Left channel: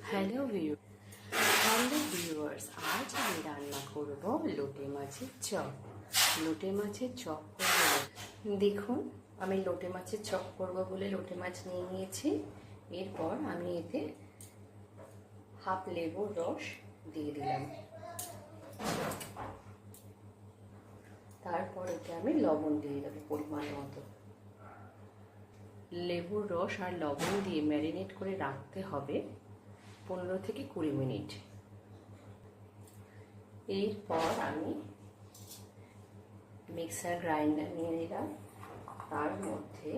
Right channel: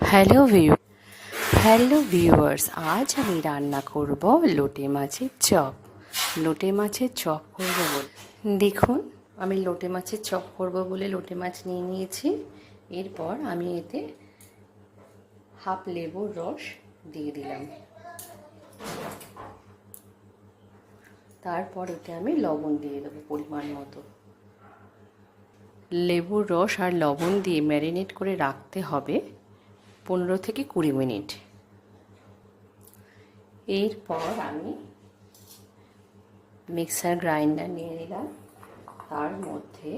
Hello viewers, আজ আমি রান্না করব লোটে মাছের চপ। লোটে মাছের চপ করব বলে দেখুন, আমি লোটে মাছের চপ করব বলে লোটে মাছ নিয়ে নিয়েছি। এরপর আমি এতে হাফ লেবুর রস দিয়ে দিলাম। তারপর এতে আমি লবণ দিয়ে দেবো পরিমাণ মতো। লেবুর রস আর লবণ দিয়ে ম্যারিনেট করে রাখতে হবে 15 থেকে 20 মিনিট। এরপর আমি মিক্সার গ্রাইন্ডার নিয়ে নিলাম। তার মধ্যে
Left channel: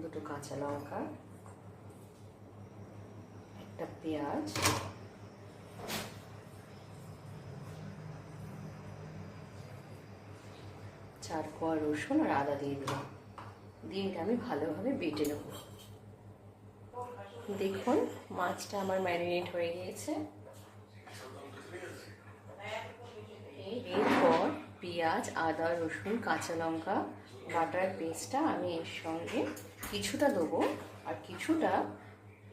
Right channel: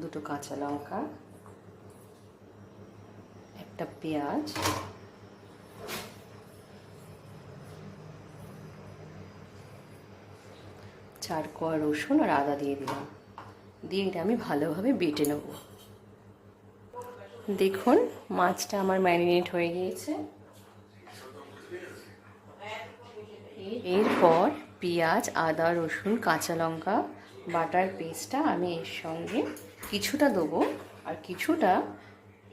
দুটো কাঁচা লঙ্কা, একটা পেঁয়াজ, চার কোয়া রসুন আর আদা দিয়ে দিলাম। দিয়ে এটা আমি ভালোভাবে বেটে নেব। দেখুন, মাছটা আমার ম্যারিনেট হয়ে গিয়েছে। এরপর পেঁয়াজ, আদা, রসুন, কাঁচা লঙ্কা বাটার পেস্টটা আমি এর সঙ্গে কিছুটা দেবো আর কিছুটা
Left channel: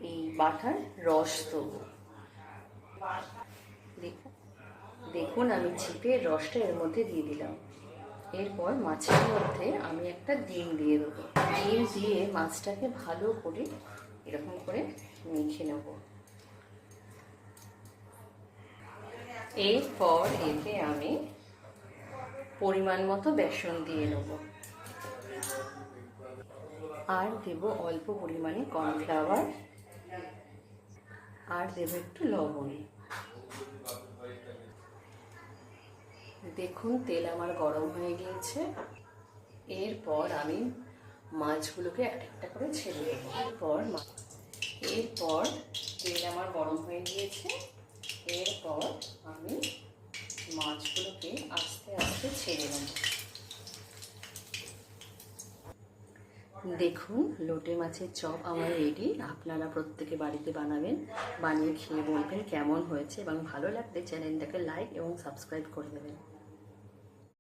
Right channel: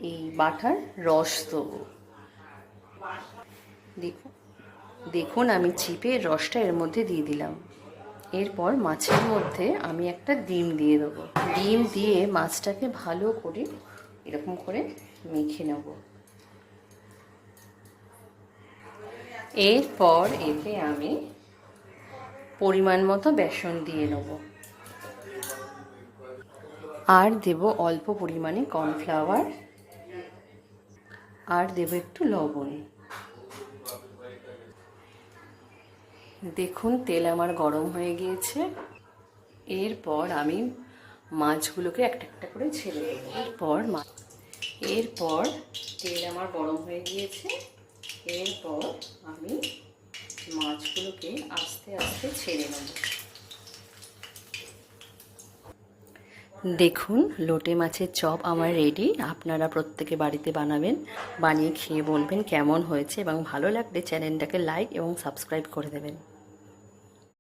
এই বাটার রস দেবো। দেখুন আমি চিপে রসটা এর মধ্যে দিয়ে দিলাম। এরপর মাছের মধ্যে আমি একটা ডিম দিয়ে দেবো। ডিম দিয়ে মাছটাকে ভালো করে এরকম করে মেখে নেব। এরপর এতে আমি পরিমাণ মতো বেসন দিয়ে নেব আর দেব অল্প পরিমাণে কর্নফ্লাওয়ার আর দেব একটু লবণ। দেখুন তেল আমার গরম হয়ে গিয়েছে। এরপর আমি মাছগুলোকে একটা একটা করে ছেড়ে দেবো। এরপর তেল আমার গরম হয়ে গিয়েছে। এরপর আমি মাছগুলোকে আস্তে আস্তে ছেড়ে নেব। দেখুন লোটে মাছের চপ আমার রেডি। আপনারা প্রত্যেকে বাড়িতে বানাবেন, বানিয়ে খেয়ে বলবেন কেমন হয়েছে এবং ভালো লাগলে চ্যানেলটাকে লাইক এবং সাবস্ক্রাইব করে দেবেন।